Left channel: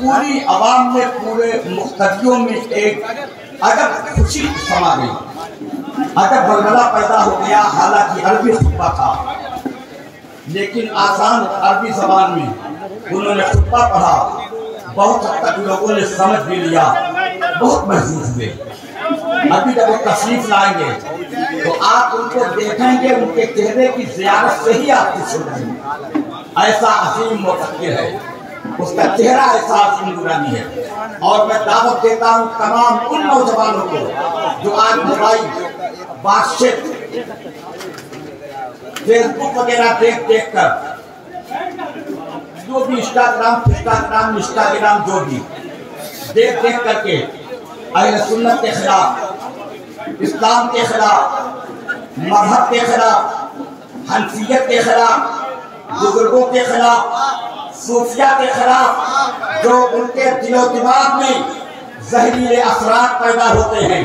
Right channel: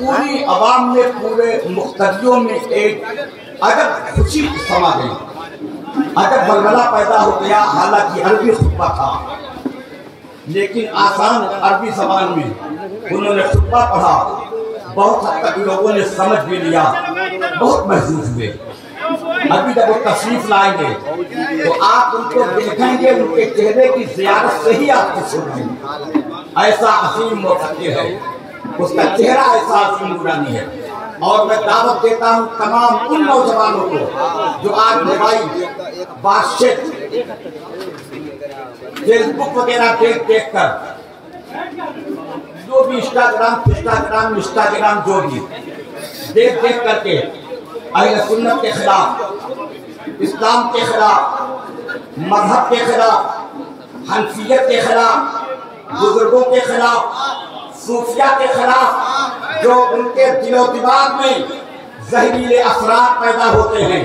पूरी आवाम में, पूरे मुख्तदियों में एक अजब खुशी समा गई, अजब बलबला पैदा हो गया। हालांकि अरबी खुतबा था, लेकिन आसान अरबी जबान में उन्होंने खुतबा पढ़ा। बहुत हद तक लोगों ने समझ भी लिया, बहुत महसूस हुए। अभी जब वो तशरीफ लाएंगे तो आप उनको देखेंगे, उनके चेहरे की ज़ियारत से ही आप खुश हो जाएंगे। ऐसा असीम मुफक्किर है, उसका चेहरा ऐसा असीम नूरानी है। और मैं दावत देता हूँ तमाम उन नौजवानों को जो आज मोबाइल, व्हाट्सएप, फेसबुक वगैरह देख कर, जो भी इंस्टाग्राम जो भी देख करके अहले सुन्नत के खिलाफ, इस्लाम के खिलाफ, मजहब के खिलाफ, हनफियत के खिलाफ, बुजुर्गों के खिलाफ, सूफिया के खिलाफ जो उनके दिलो दिमाग में जहरीले असरात पैदा होते हैं,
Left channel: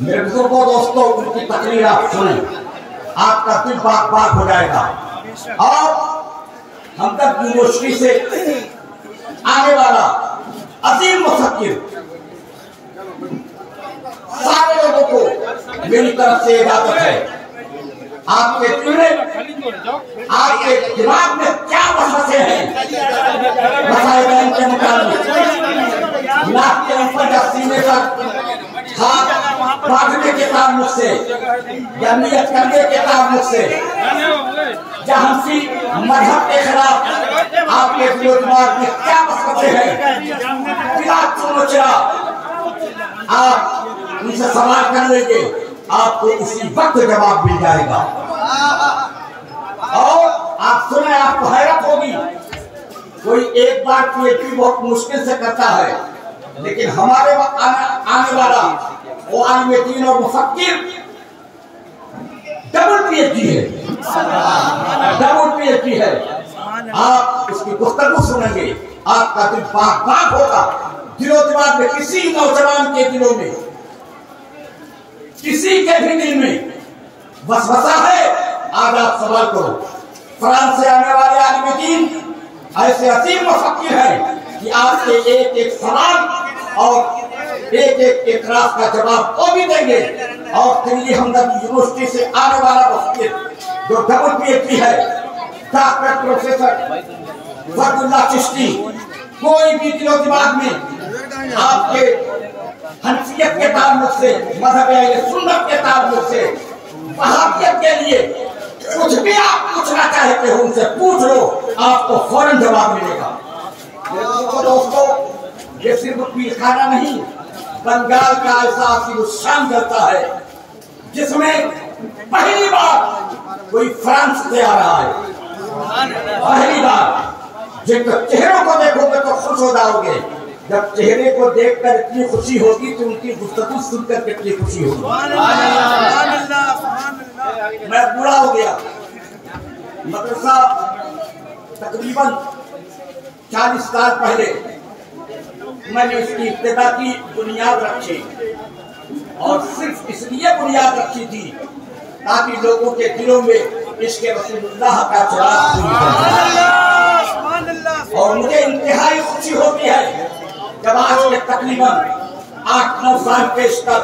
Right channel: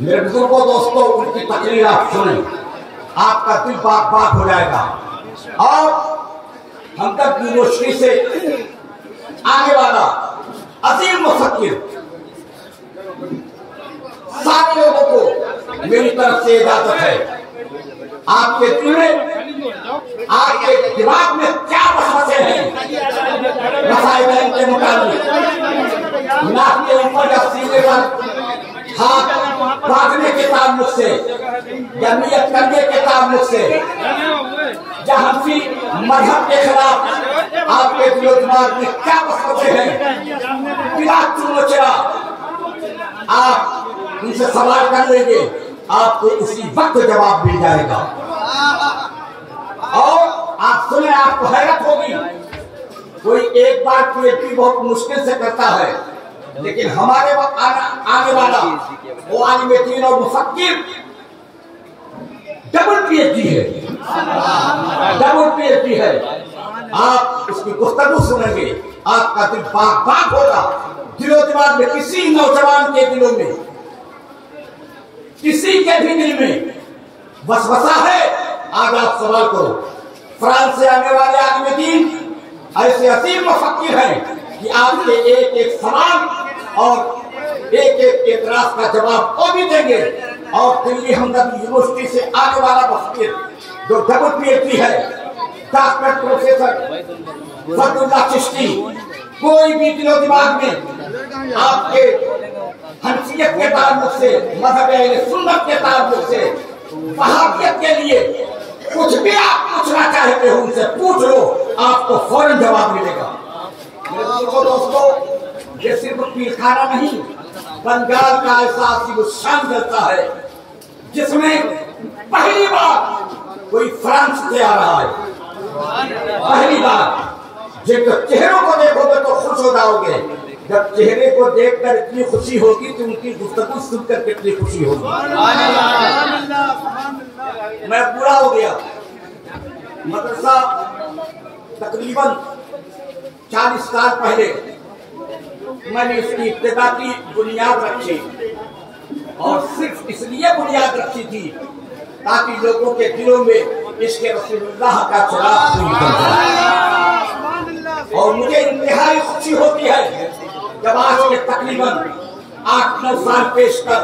मेरे बुजुर्गों दोस्तों, उनकी तकरीर आप सुने, आपका दिल बाग बाग हो जाएगा। और हमदर्द यूनिवर्सिटी से आने वाला अजीम मुफक्किर, सारे लोगों को मेरी तरफ से इजाजत है। आपके दिल में, आपके दिमाग में क्या वसवसे हैं मसाइल के मुताबिक, नाक के ऊपर या सीने पर हाथ रखने के ताल्लुक से या नियत करने के ताल्लुक से, या हनफी मजहब के खिलाफ आपके दिलो दिमाग में क्या वसवसे हैं, बिला चुनोचरा आप उनसे सवाल कर लेंगे, आपको उसी वक्त जवाब मिल जाएगा। और आप सुने, आपको हैरत होगी, कोई एक बार पीएचडी बहुत मुश्किल से करता है, लेकिन हमारे वक्त आने वाला वो आलिम दीन और मुफक्किर डबल पीएचडी है, डबल पीएचडी है। आप उसकी गुफ्तगू सुनेंगे, आपका दिल बाग बाग होगा। दिलो दिमाग में, किसी नौजवान के दिलों में, किसी के भी दिल में वसवसा है, आज आप सवाल करो। फ्रांस से आने वाले आलिम दीन ऐसे असीम मुफक्किर हैं कि आपके एक एक सवाल और एक एक एतराज का जवाब वो भी देंगे। और दिल्ली हमदर्द यूनिवर्सिटी से आने वाला मुफक्किर जो डबल पीएचडी है, डॉक्टर प्रोफेसर फरदुल्लाह चिश्ती, कोई भी दिलो दिमाग में आपके हनफियत के ताल्लुक से, मजहब अहले सुन्नत के ताल्लुक से, वहाबियत के लिए कुछ भी आप पूछना चाहते हो उनसे पूछ लो, आपको फौरन जवाब मिलेगा। मेरे दोस्तों, ये सिर्फ पीरखाना नहीं, बंगाल का ऐसा शान चलता है जिसमें पहली बार कोई फ्रांस से आ रहा है, पहली बार। जिनके चेहरों को देखोगे तो खुश हो जाओगे, जब चेहरे को देखकर इतनी खुशी होगी तो उनकी गुफ्तगू सुनकर कितनी खुशी होगी। मैं बूढ़ा हो गया, मदरसा तकरीबन 40 साल पहले मैंने इसकी इब्तिदा की बुनियाद रखी, और सिर्फ इसलिए बुनियाद रखी थी ताकि लोगों के दिलों में इसके रसूलुल्लाह का चिराग रोशन हो। और मुझे इंतहाई खुशी होती है जब आज के तकरीबन 8-9 साल पेश कर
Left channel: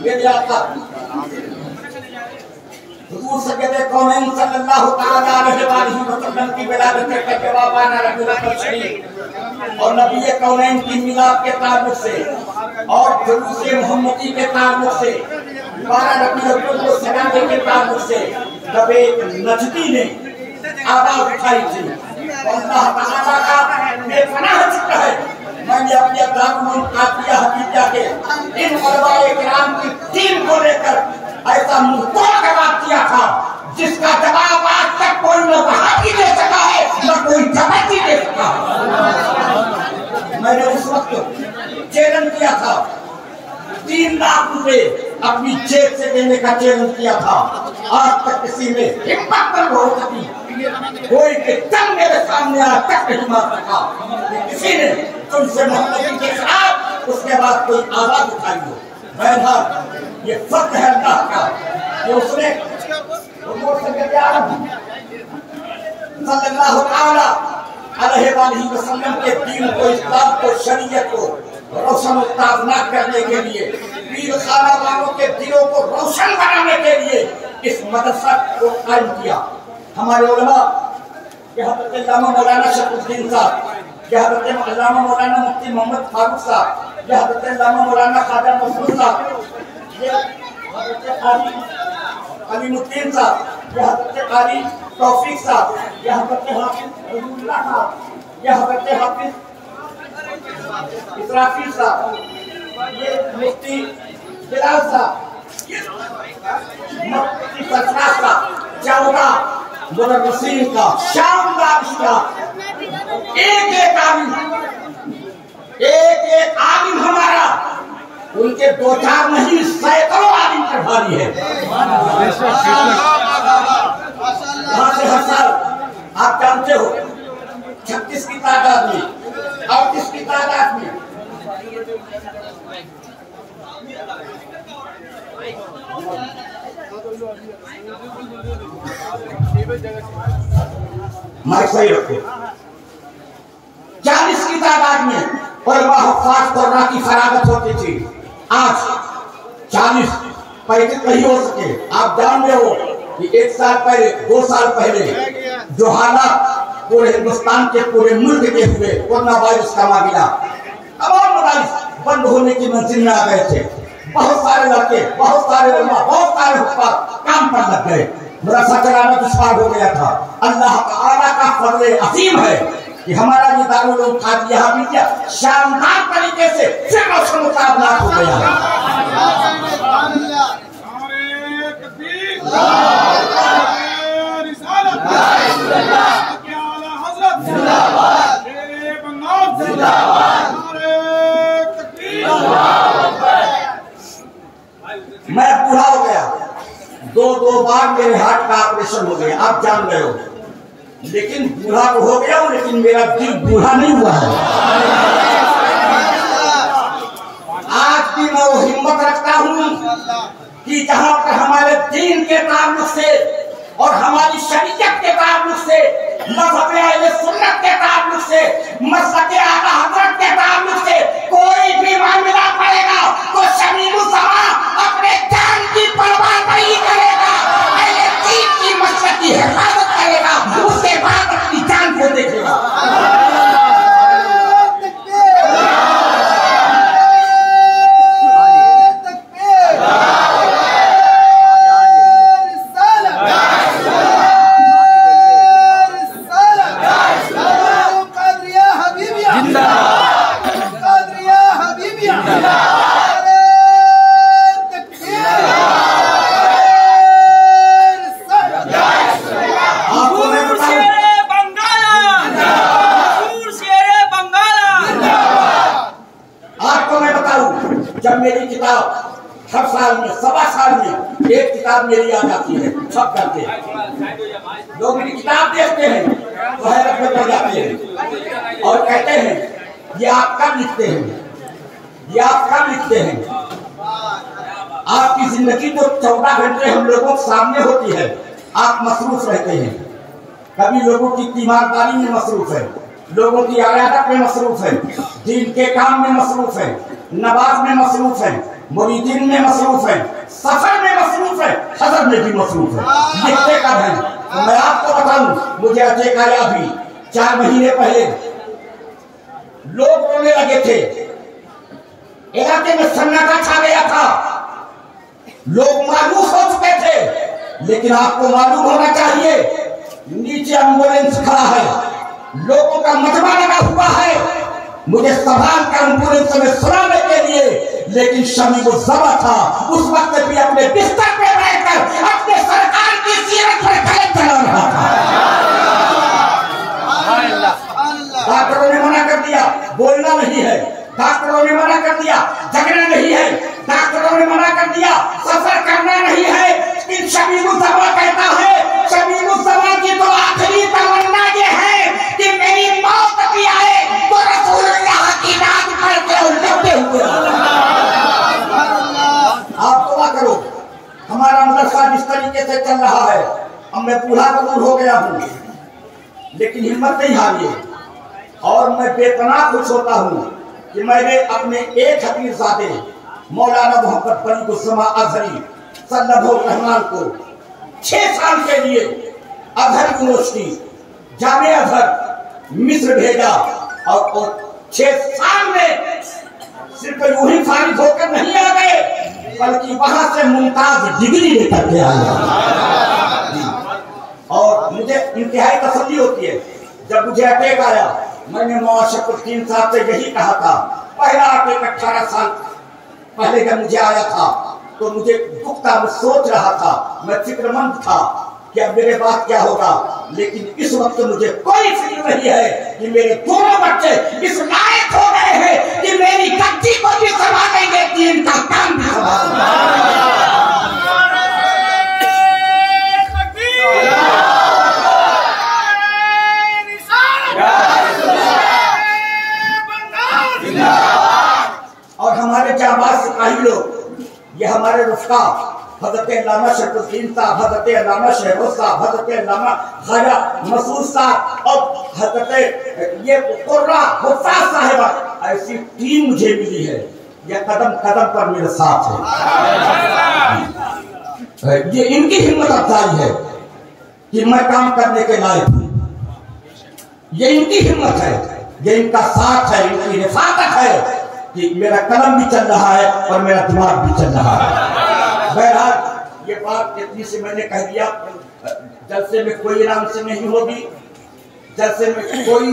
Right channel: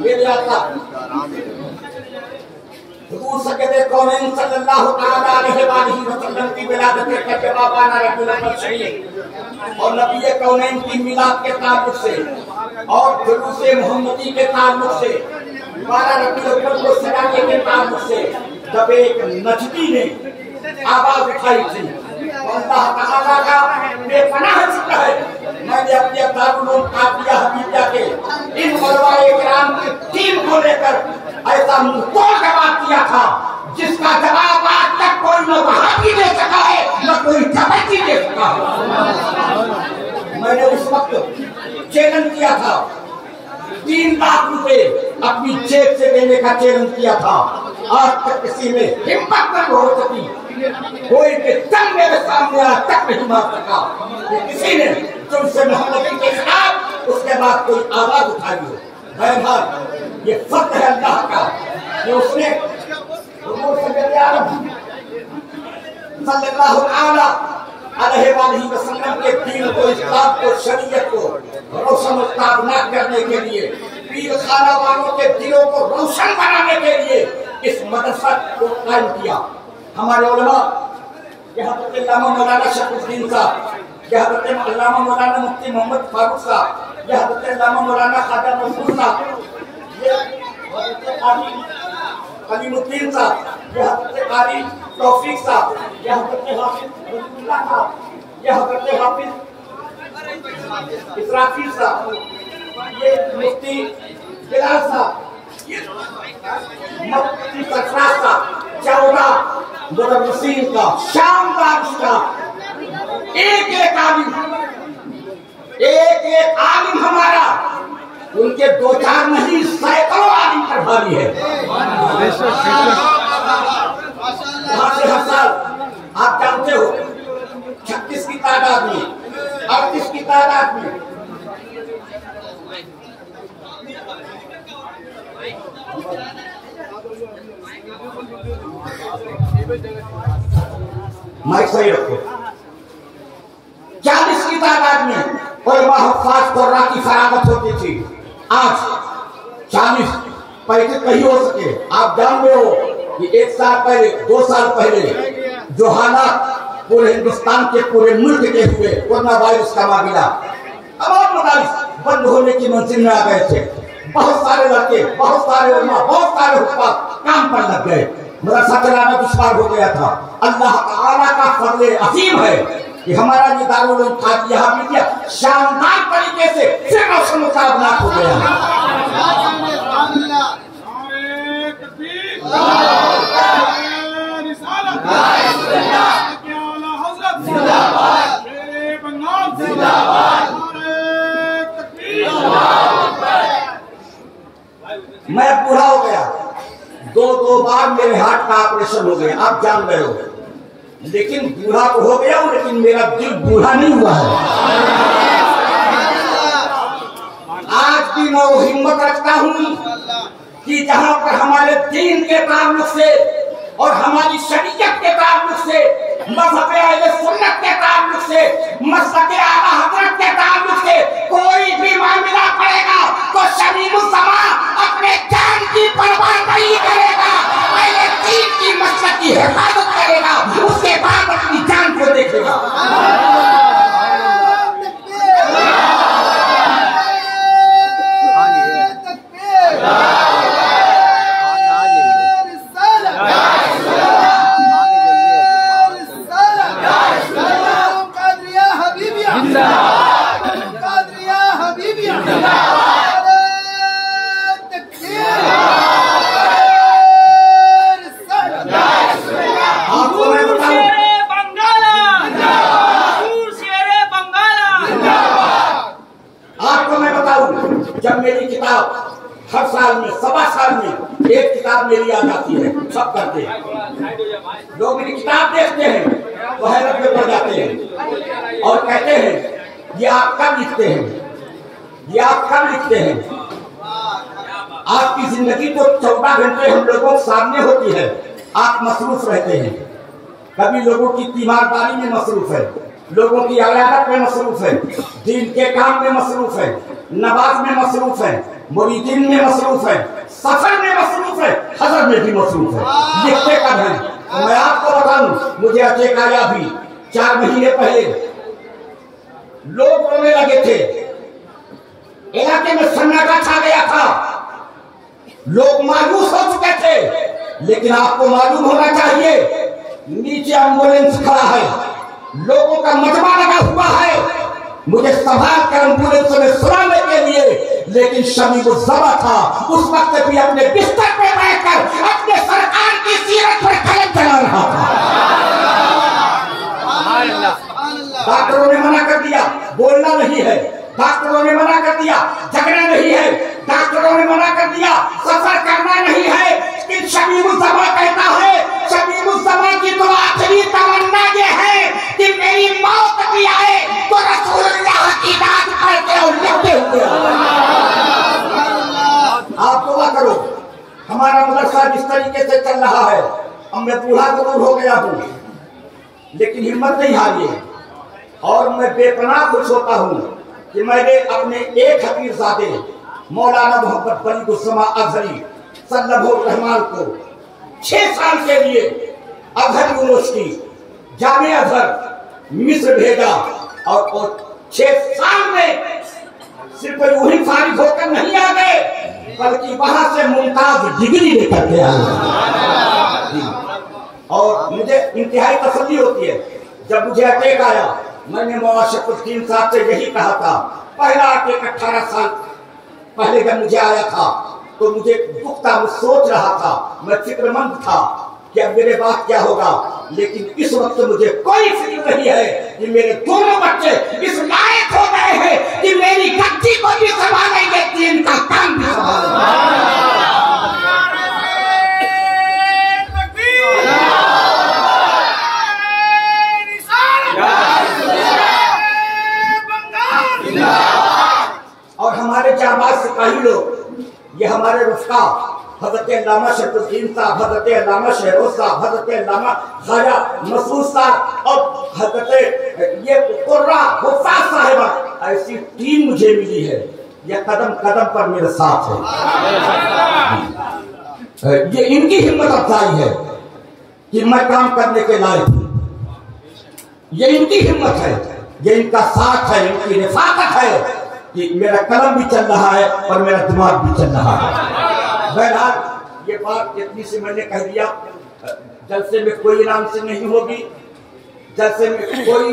मेरे आका हुजूर सैयदे कौनैन सल्लल्लाहु तआला अलैहि वसल्लम की विलादत के बाबाना रब्बुल आलमीन और नबी कौनैन की मिलाद के ताल्लुक से और जुलूस मोहम्मदी के ताल्लुक से, 12 रबीउल अव्वल को सजाने के ताल्लुक से जब एक नजदी ने आवाज उठाई थी, अल्लाह ताला का बेपनाह शुक्र है मैंने अपने दारुल उलूम काफिया हदीया के इन उलमाए किराम की टीम को लेकर ऐसा मुंहतोड़ जवाब दिया था जिसका जवाब आज तक कोई न वहाबी दे सका है, न कोई जमाती दे सका है। मैंने उस वक्त चैलेंज किया था, 3 लाख रुपए अपनी जेब से देने का चैलेंज किया था। आज तक किसी में हिम्मत न हो सकी, कोई के दम मेरे सामने आज तक नहीं मार सका किसी ने तुमसे मोहम्मद के खिलाफ उसके बाद कोई आवाज उठाई हो। बहरहाल ये फर्क है अल्लाह का कि उसने सल्लल्लाहु अलैहि वसल्लम के दीन को, इस्लाम को, शरीयत को रोशन न करने के लिए, पीर खाना वालों के दिलों को रोशन बनाने के लिए इस मदरसा को कायम किया। हमारे उलमा हज़रत अल्लामा मौलाना शरफुद्दीन साहब, हज़रत अल्लामा मौलाना मुफ्ती मोहम्मद फारूक साहब, हज़रत अल्लामा मौलाना ख्वाजा मसूद साहब, हज़रत अलीमुद्दीन साहब, हज़रत कारी तौफीक साहब, हज़रत हाफिज रसूलुल्लाह साहब, हज़रत हाफिज इसराफील साहब, ये मुफ्ती बिलाल साहब, मुफ्ती सरफराज साहब, 14 मुदर्रिसीन का शानदार स्टाफ, एक आलिम हमारा, उनके 2-4 नहीं सैकड़ों आलिम पर भारी है। हर साल आप जानते हो 36 की तादाद में, 38 की तादाद में माइक सही रखो, 40 की तादाद में खास कोरोना की फरागत होती थी। आज 40 पैसे नहीं हो सके। आप जान रहे हो कि 1 साल पहले, 2 साल पहले जो हालात पूरे हिंदुस्तान के, पूरे मुल्क के हुए कोरोना वायरस का मामला, तमाम मदारिस बंद होने की मंजिल में आ गए थे। बहुत सारे लड़के, बहुत सारे उलमा, बहुत सारे हुक्काम काम पर लग गए, मदरसा चलाना दुश्वार हो गया था। अल्लाह ताला का फज़ल अज़ीम है कि हमारा ये दारुल उलूम कादिया हमीदिया शानदार तरीके से फिर मौसम मुकाबला हो गया। मैं बूढ़ा हो गया, 2 बार मेरे हार्ट का ऑपरेशन हो गया, आप जान रहे हो, लेकिन बूढ़ा तो हो गया हूं, लेकिन मेरा दिल बूढ़ा नहीं हुआ है। आज भी मैं वो हिम्मत रखता हूं कि जहां पर हमारे दीन के ताल्लुक से और हमारी शरीयत के ताल्लुक से, मज़हब अहले सुन्नत के ताल्लुक से, मसलक आला हज़रत के ताल्लुक से कोई भी मामला पड़ेगा तो शमीमुज़्ज़मा अपने जान की परवाह नहीं करेगा, पहले दीन की मसलक की हिफाजत करेगा, उसके बाद अपनी जान को देखेगा। जब मेरी किताब हर साल में, 1.25 साल में एक किताब मेरी आ जाती है, सब करते हैं लोग, मेरी किताब देखते हैं तो हैरत में पड़ जाते हैं और कहते हैं ये आप कब लिखते हैं, ये आप कब लिखते हैं। आपकी जिंदगी तो 14 घंटे हम लोगों के सामने होती है, आप मसरूफ रहते हैं, कभी लोगों की तीमारदारी में मसरूफ है, लोगों की इबादत में मसरूफ है, दीन के काम में मसरूफ है, नमाज में मसरूफ है, मुरीदीन में मसरूफ है, सफर में मसरूफ है, हजर में भी मसरूफ है। लिखते कब है मैं आपको बताऊं, मुझे अटैक आया भी 4 महीने पहले, लोग रोने लगे थे, इलाके में सन्नाटा छा गया था, लोग मायूस हो चुके थे, लेकिन आपको मालूम होना चाहिए नीचे एम्बुलेंस खड़ा है, लोगों का मजमा लगा हुआ है, मुझे सवाल कर एम्बुलेंस में सुनाने के लिए, लेकिन शमीमुज़्ज़मा था उस वक्त भी अपने बिस्तर पे बैठकर अपने सरकार की सीरत पर कलम चला रहा था। डॉक्टरों ने मना कर दिया, बोलना नहीं है, डॉक्टरों ने मना कर दिया, झगड़ा नहीं है, डॉक्टरों ने मना कर दिया, सफर करना नहीं है, लेकिन शमीमुज़्ज़मा कहता है, शमीमुज़्ज़मा की तो आखिरी तमन्ना ये है कि मेरी मौत भी आए तो रसूलुल्लाह की नाम पढ़ते और लौटे हुए। आप दुआ करो, हमारा मदरसा जिस तरीके से चल रहा है, अब मैं बूढ़ा जरूर हो गया हूँ, लेकिन हिम्मत नहीं हारिए, और मैं बेपनाह खुश होता हूँ कि मैंने अपने एक हफीज़ादे मौलाना मोहम्मद बली गुस्मा अजहरी सल्लल्लाहु रहमान को 6 साल के लिए अजहर यूनिवर्सिटी जामे अजहर मिस्र भेजा और 6 साल में सिर्फ यूं ही फारिग होकर नहीं आ गए बल्कि वहां से मुमताज डिग्री लेकर के आए। और मुझे इंतहाई तसल्ली होती है जब मुझे अटैक आया, मैंने मुआशकुद्दीन साहब से यही कहा था। पहला अटैक 18 साल पहले जब मुझे आया था तो मुझे दुख था, मैं सोच रहा था, मैं फिक्रमंद था कि अब मेरे बाद क्या होगा। लेकिन इस वक्त मुझे कोई फिक्र नहीं है कि मेरे दोनों बच्चे इस लायक हो गए हैं कि मेरी गद्दी को भी संभालेंगे, दीन का काम भी संभालेंगे। और हमारे जाबाज सिपाही लोग, ये हमारे रुफ़का हज़रत अल्लामा शरफ़ुद्दीन साहब, हज़रत अल्लामा शहरोज साहब, हज़रत अल्लामा ख्वाजा मसूद साहब और हज़रत ये कुर्रा हुफ़ाज़ साहिबा, ऐसी टीम मुझे मिली है। ये कदम कदम पर मेरे साथ है। ये इनकी हिम्मत अफजाई है कि मैं काम करने के लायक हूँ। ये इनकी हिम्मत है, ये इनका साथ है, इनकी रिफ़ाक़त है कि मेरा कलम भी चल रहा है और मेरा दिमाग भी चल रहा है। बहरहाल ये बात इतनी सी मैंने कह दिया। जलसे में कोई इनाम से नहीं होगी, जलसे में कोई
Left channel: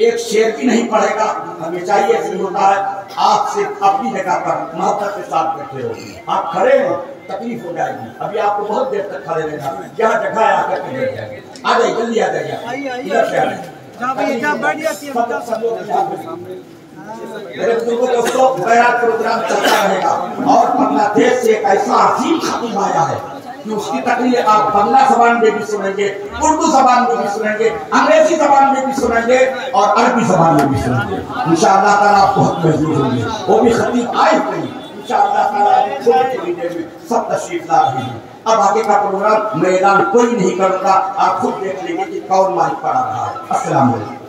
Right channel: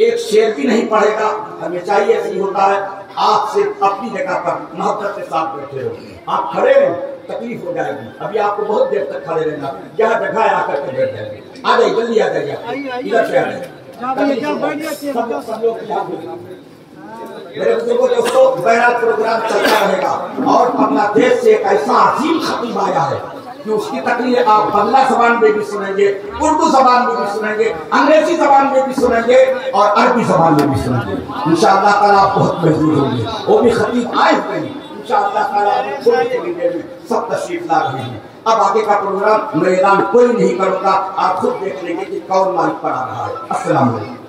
एक शेर भी नहीं पड़ेगा। हमेशा ही ऐसे होता है, आप सिर्फ अपनी जगह पर मोहब्बत के साथ बैठे हो। आप खड़े हैं तकलीफ हो जाएगी, अभी आपको बहुत देर तक खड़े रहना, जहाँ जगह आकर के बैठ जाएंगे। आ जाइए, जल्दी आ जाइए, इधर से आ जाइए। मेरे बुजुर्गों दोस्तों, बहरहाल प्रोग्राम चलता रहेगा और बांग्लादेश से एक ऐसा अजीम खतीब आया है कि उसकी तकरीर आप बांग्ला जबान में भी सुनेंगे, उर्दू जबान में भी सुनेंगे, अंग्रेजी जबान में भी सुनेंगे और अरबी जबान में भी सुनेंगे। इंशाअल्लाह ताला आप बहुत महसूस होंगे। वो भी खतीब आए हुए हैं, इंशाअल्लाह ताला थोड़ी देर में सब तशरीफ ला रहे हैं। अब आगे का प्रोग्राम मैं ऐलान कोई नहीं करूंगा, आप खुद देख लेंगे कि कौन माइक पर आ रहा है। अस्सलाम वालेकुम।